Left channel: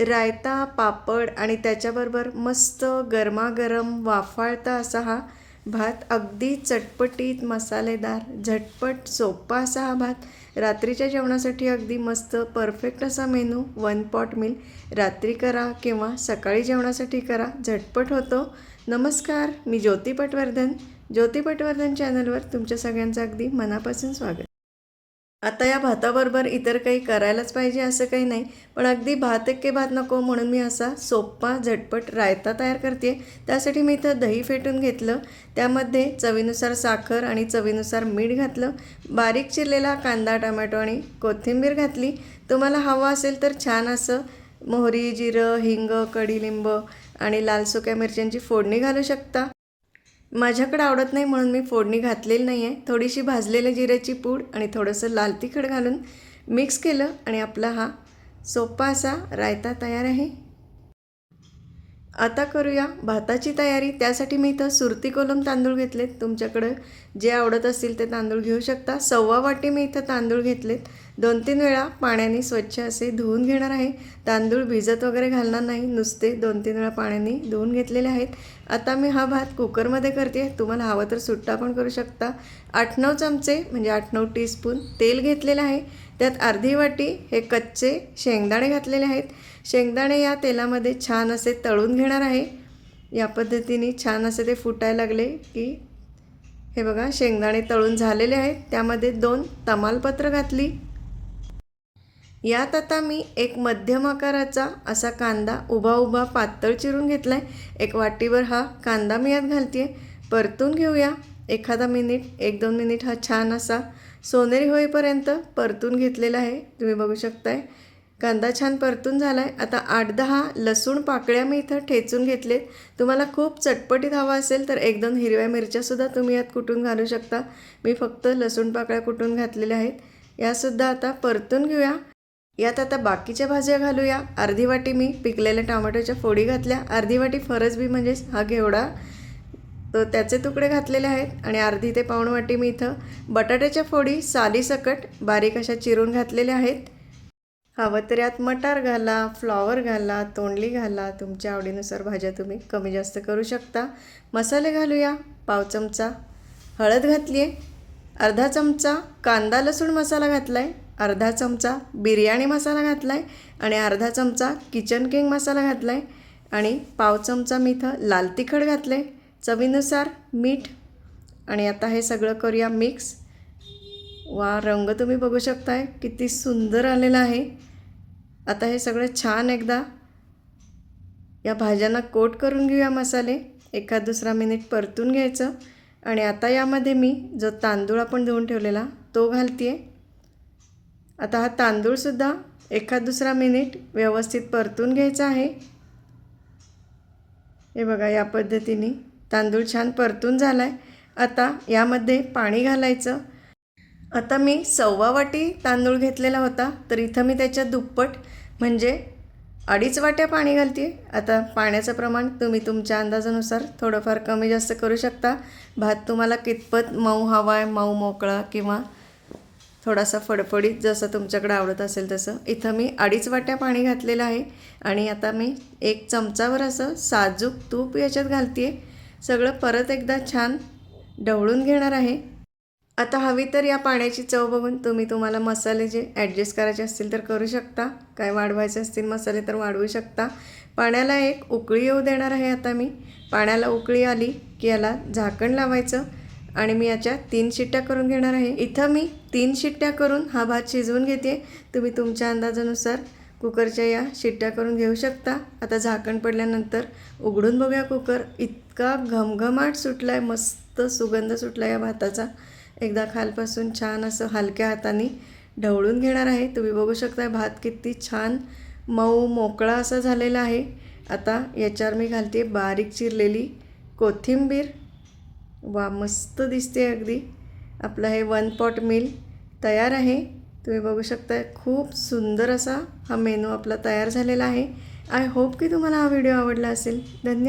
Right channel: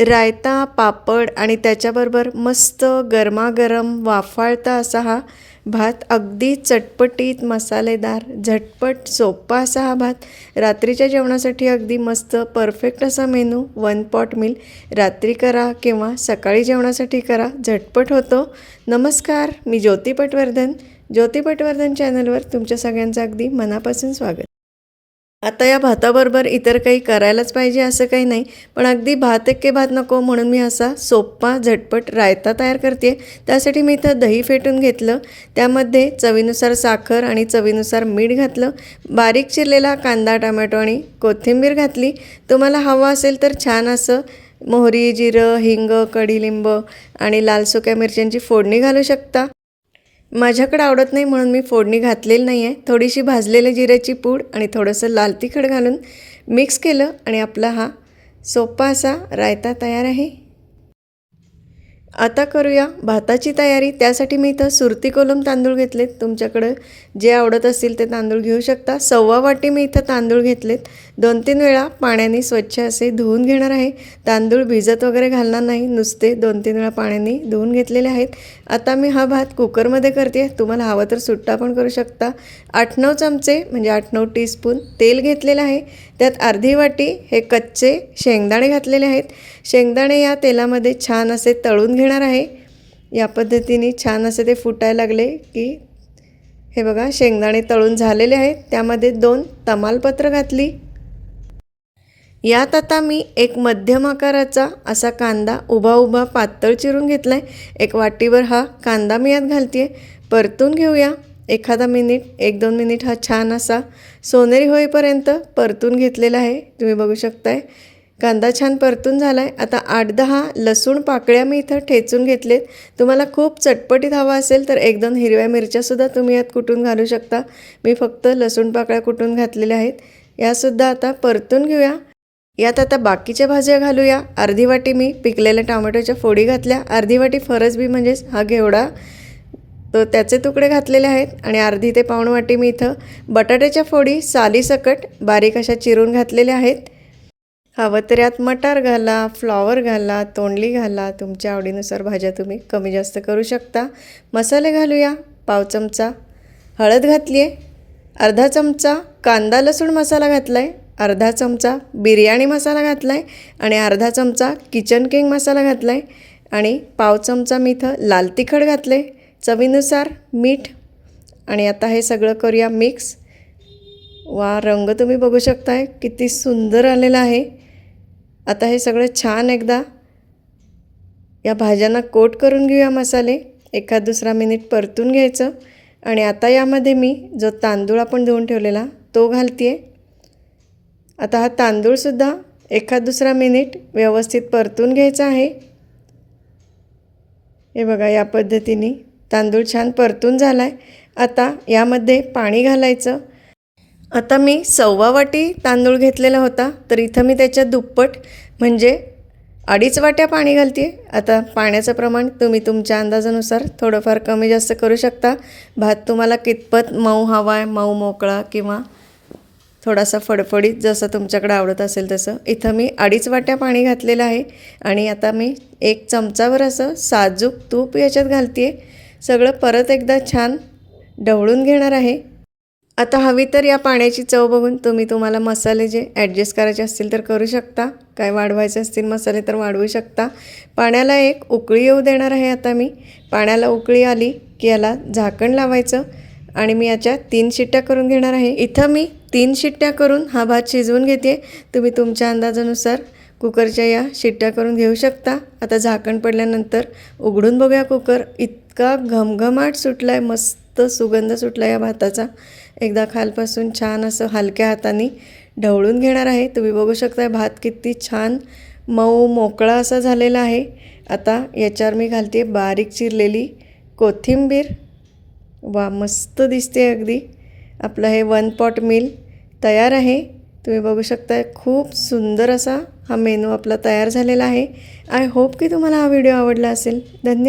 रायता, पापड आणि त्याच्याबरोबर मस्त गरमागरम वाफाळता असा हा भात, अगदी चटपटीत, मसालेदार, झटपट, सोपा असा हा भात रात्रीच्या जेवणासाठी अगदी मस्त परफेक्ट असा मेनू. वन पॉट मील रात्री करा किंवा सकाळी जेवणासाठी करा, झटपट होतो. नमस्कार, मी ज्योती पटवर्धन. ज्योती पटवर्धन चॅनलवर तुमच्या सगळ्यांचं अगदी मनापासून स्वागत. आता या भाताबरोबर इतर काही करायलाच पाहिजे असं काही नाही, पण अगदी भात एक्के भात नको म्हणून मी असा सोपा झटपट रायता तयार करते. त्यासाठी मी इथं दही फेटून घेतलं, त्यामध्ये चवीनुसार साखर आणि चवीनुसार मीठ घातलं, बारीक चिरलेला कांदा, टमॅटो आणि कोथिंबीर घातली. तुम्हाला हवं असेल तर छान असं मोहरी, जिरं, हिंग, कढीलिंब आणि लाल सुक्या मिरच्यांची फोडणी घालू शकता. माझ्याकडे आवडत नाही म्हणून मी फोडणी घातलेली नाही आहे. थोडीशी भाजलेल्या जिऱ्याची पूड आणि थोडंसं लाल तिखट घालून मिक्स केलं आणि आपला हा सोपा असा रायता तयार आहे. आता करूया भाताची तयारी. त्यासाठी मी इथं सुरती कोलम तांदूळ घेतलेत. तुमच्याकडं जे आवडत असतील ते तांदूळ घेऊ शकता. 1.25 वाटी मी इथं तांदूळ घेतलेत. 2-3 वेळा पाण्याने स्वच्छ असे धुवून घेणार आहे. तांदूळ भिजत वगैरे घालणार नाही, नुसते 2-3 वेळा पाण्याने धुवून घेतलेले आहेत. आता मी हा भात कुकरमध्ये करते. तुम्हाला हवं तर सुट्टा पण करू शकता. 8-9 चमचे म्हणजे 8-9 टीस्पून तेल घेतलेलं आहे. त्यात अर्धी वाटी हे कच्चे शेंगदाणे घातलेले आहेत. शेंगदाणे या तेलामध्ये छान असे तळून घेणार आहे. या पद्धतीने छान असे ते फुटायला लागले की हे बघा शेंगदाणे तळून झालेले आहेत. त्यामध्ये 2 तमालपत्र घातली. यात आता मी एक मध्यम आकाराचा असा कांदा उभा उभा पातळ चिरून घेतला आहे. 1 वाटीवर हा कांदा मी यात घालते. परतून घेऊया एखादा मिनिट, 1-2 मिनिट हा छान असा सोनेरी होईपर्यंत परतून घेतलेला आहे. तुम्ही बघू शकताय कांदा छान परतून झाला आहे. आता 8-10 लसूण पाकळ्या मी इथं ठेचून घेतलेत. तुम्हाला खूप चटपटीत हवा असेल तर 1-2 हिरव्या मिरच्यासुद्धा तुम्ही यात कुटून घालू शकता. मी फक्त लसूण पाकळ्या कुटून घातलेल्या आहेत. यासुद्धा आता परतून घेऊया. यात आता बाकीच्या भाज्या घालूया. अर्धी वाटी मी पिकलेल्या टोमॅटोच्या फोडी घातल्या, अर्धी वाटी फरसबी म्हणजेच हा घेवडा तर त्याचे तुकडे घातलेले आहेत आणि अर्धी ते पाऊण वाटी मी इथं बटाट्याच्या फोडी सालीसकट बारीक अशा चिरून घातलेल्या आहेत. हवं तर यात मटार घाला, फ्लॉवर घाला, तोंडली घाला, तुमच्या आवडीनुसार भाज्या तुम्ही कमी जास्त करू शकता. मसाले घालूया. 1/2 चमचा हळद घातली आहे, अर्धा चमचा कांदा लसूण मसाला घातला आहे, अर्धा चमचा बिर्याणी मसाला घातला आहे आणि अर्धा चमचा किचन किंग मसाला घातला आहे आणि 1/2 चमचा मी इथं लाल तिखट घातले, चवीनुसार मीठ. आणि आता हे सगळं करूया मिक्स. वा, रंग तुम्ही बघू शकताय किती सुंदर आलेला आहे. आता हे सगळं छान एकदा या भाज्यांना कोट करून घेऊया मसाले. 1-2 मिनिट परतून घ्यायचं आणि आता यामध्ये मी जो तांदूळ आपण धुवून ठेवलेला तो घालते आहे. आता हा तांदूळसुद्धा 1-2 मिनिट व्यवस्थित परतून घ्यायचा आहे. हे बघा या पद्धतीने तांदूळ छान परतून झाला आहे. आता यामध्ये पाणी घालायचं. आता मी 1.25 वाटी तांदूळ घेतलेला होता, तर इथं मी त्याच्या दुप्पट म्हणजे 2.5 वाट्या पाणी घालते. आता पाण्याचं प्रमाण तुम्ही तुमच्या अंदाजानुसार थोडंफार कमी जास्त करू शकता. भात तुम्हाला कितपत मऊ हवा आहे, मऊ मोकळा किंवा थोडासा फडफडीत, जसं तुमच्याकडे आवडत असेल तसं. इथं मी 2.5 वाट्या पाणी घातलेलं आहे आणि आता मी 1 चमचावर असं साजूक तूप याच्यात घालते. सगळं परत एकदा छान ढवळून घेणार आहे. आता हवी तर या पाण्याची चव बघून तुम्हाला मसाले जे ॲडजस्ट करायचे असतील तर करू शकता. काय वाढवायचे असतील मसाले तर वाढवू शकता. पाण्याला एक उकळी येऊ देणार आहे. आता मी पाण्याला उकळी आली की याला झाकण लावायचं आणि मी याच्या 3 शिट्ट्या करून घेणार आहे. इथं मी 3 शिट्ट्या करून हा भात शिजवून घेते. तुम्ही तुमच्या अंदाजानुसार कुकरच्या या शिट्ट्या करून घेऊ शकता. आता झाकण पडल्यानंतर उघडून बघूया कुकर. इतका घमघमाट सुटला आहे, मस्त सुगंध सुटला या भाताचा. एकदा खालपासून छान असं हलक्या हाताने ढवळून घेणार आहे. तुम्ही बघू शकता भात किती छान मऊ मोकळा असा झालेला आहे. आता याच्यावर मी घालते बारीक चिरलेली कोथिंबीर. वा, मस्त दिसते अगदी. आपलं हे 1 पॉट मील तयार आहे. तुम्ही बघू शकता खूप सुंदर असा हा मेनू आपला तयार झालेला आहे. आय होप की तुम्हाला हा व्हिडिओ आवडला असेल. धन्यवाद.